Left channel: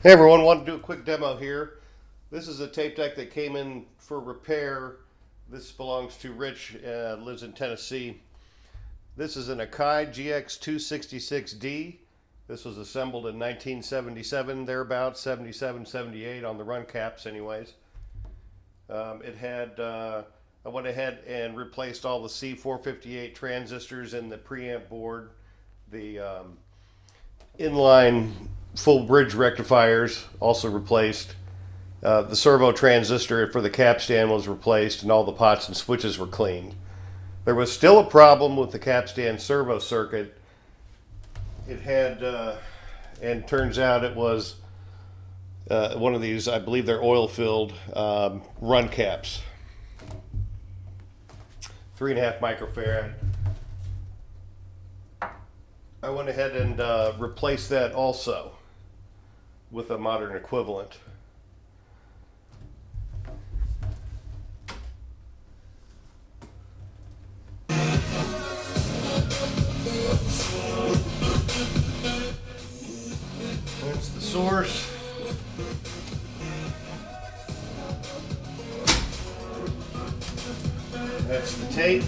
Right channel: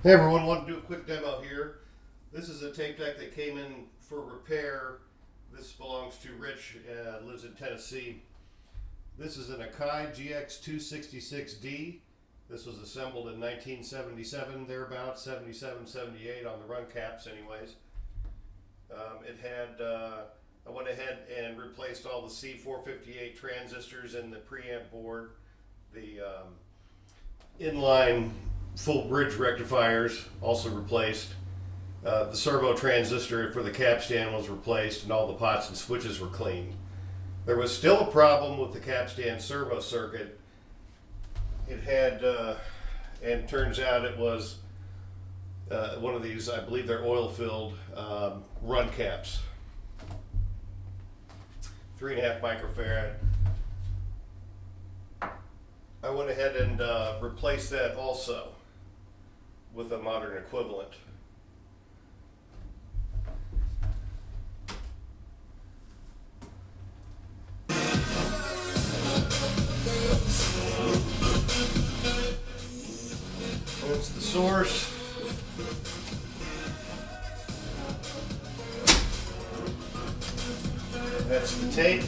Hey everyone, want to do a quick demo here. This is a tape deck that came in for repair. This belongs to Rich, lives in Tennessee. This is an Akai GX-266D. This was assembled in 1977, thereabouts, 77, 78 on the run caps anyways. I went ahead and replaced all the C458 transistors in the preamp board, the inline full bridge rectifiers also replaced. The servo transistor for the Capstan was replaced, and all the pots and switches were cleaned. There was still a problem with the Capstan servo circuit. It had, and turns out it was one of these, I believe they're oil-filled run caps. 3.5 microfarad. I went ahead and replaced that also with a modern equivalent. That's the source. That's the tape.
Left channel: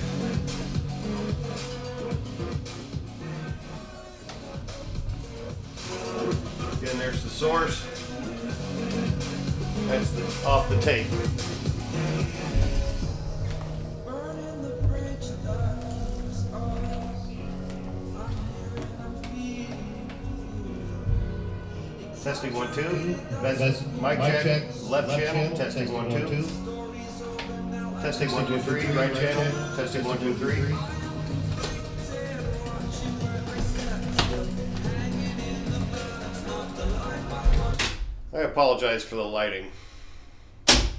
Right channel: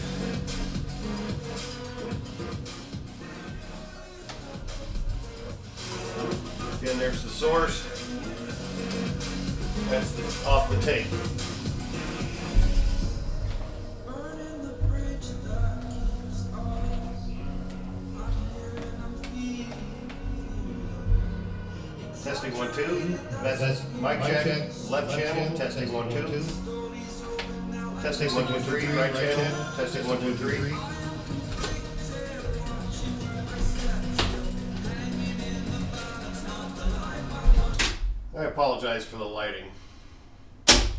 Again, there's the source. That's off the tape. Testing 1 2. That's mic check. Left channel. Testing 1 2. Testing 1 2 3. Right channel. Testing 1 2 3. I apologize for the lighting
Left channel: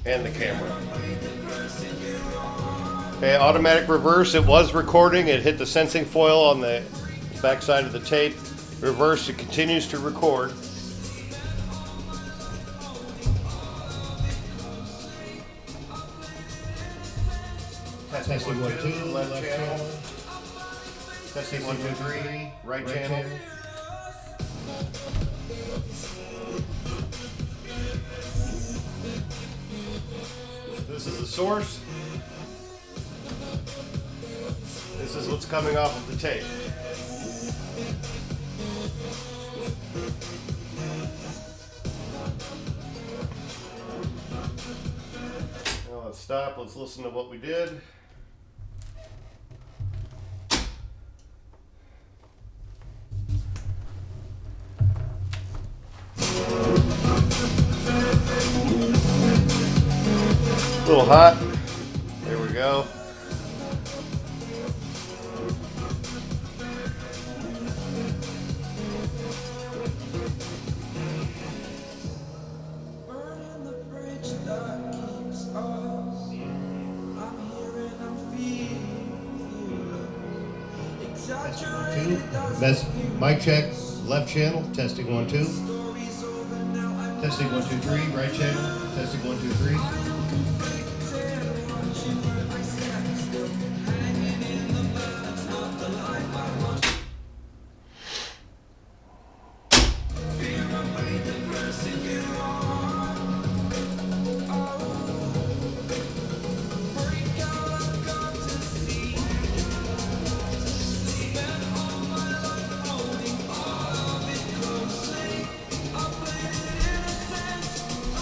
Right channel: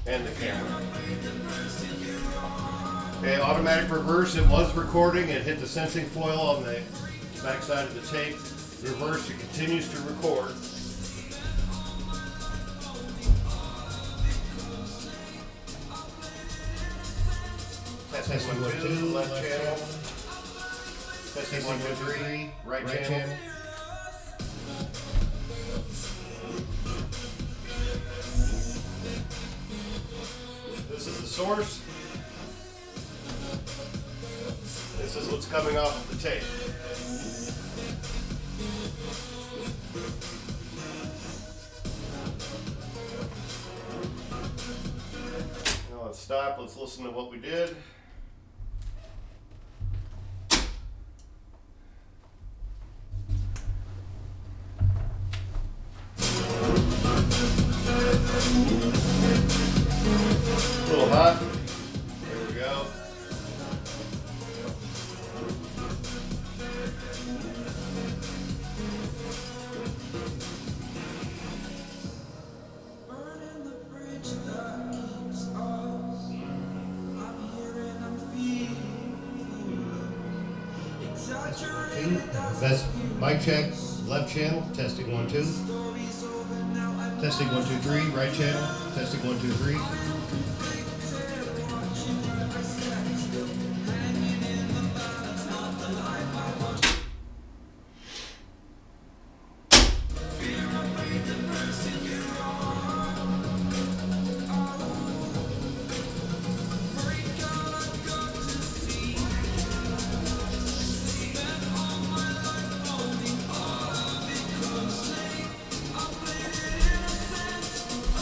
and the camera. Okay, automatic reverse. It was recording. It hit the sensing foil on the back side of the tape. Reverse. It continues to record. Testing 1 2. Left channel. Testing 1 2 3. Right channel. This is the source. This is what's coming off of the tape. Now let's stop. Let's listen to what we did. A little hot. There we go. That's mic check. Left channel. Testing 1 2. Testing 1 2 3. Right channel. Testing 1 2 3.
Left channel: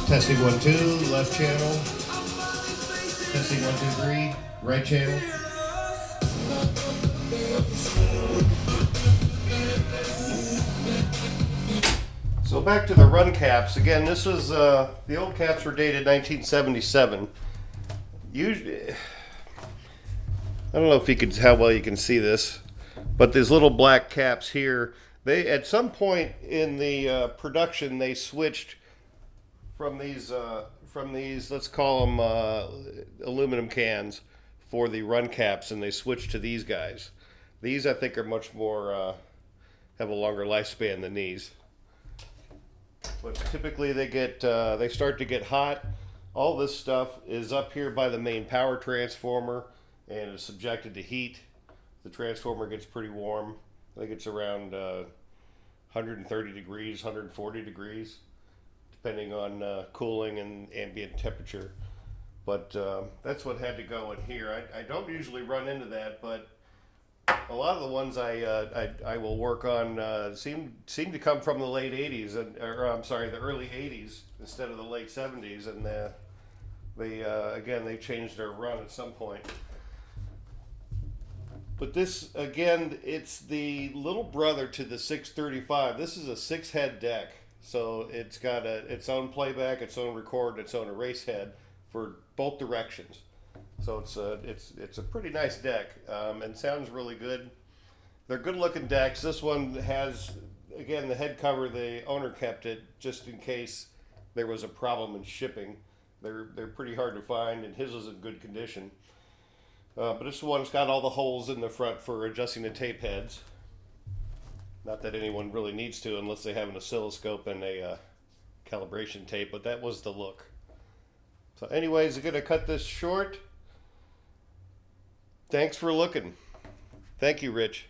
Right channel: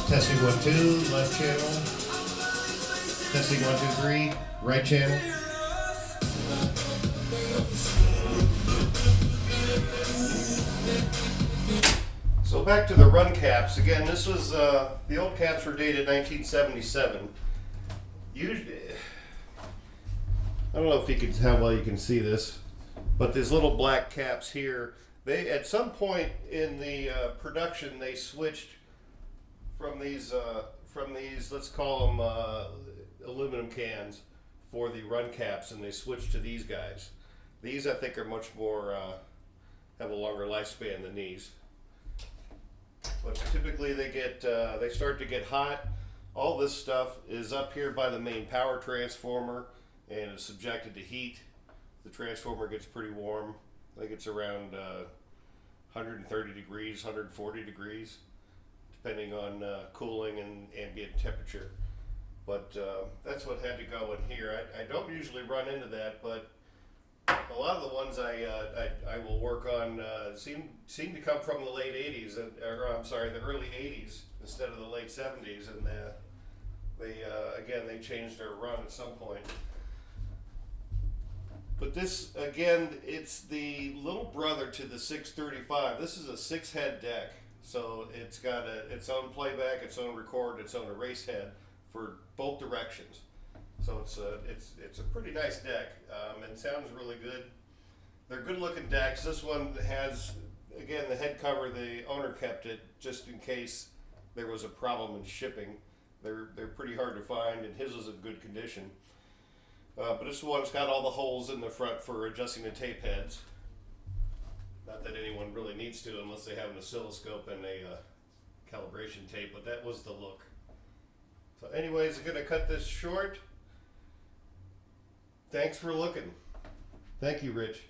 Testing 1 2, left channel. Testing 1 2 3, right channel. So back to the run caps. Again, this was the old caps were dated 1977. Usually, I don't know if you could how well you can see this, but these little black caps here. They at some point in the production they switched from these let's call them aluminum cans for the run caps, and they switched to these guys. These I think are much more have a longer lifespan than these. But typically they start to get hot. All this stuff is up here by the main power transformer and is subjected to heat. The transformer gets pretty warm. I think it's around 130 degrees, 140 degrees. depending on cooling and ambient temperature. But that's what had to go in here. I don't usually run into that, but a lot of the ones I will work on seem to come from the late 80s, or I'm sorry, the early 80s instead of the late 70s, and they changed their run at some point. But this, again, it's the little brother to the 635. This is a 6-head deck, so it's got its own playback, its own record, its own erase head for both directions. So it's a pretty nice deck, and sounds really good. They're good looking decks. This one has, again, the head cover. The owner kept it just in case there was a problem in shipping. They're pretty hard to find, and his is in good condition. But this one's got all the holes in the front for adjusting the tape heads. Not that anyone really needs to unless they have an oscilloscope and a calibration tape, but that was the look. So anyways, I'm going to cut this short. Thanks for looking. Thank you, Rich.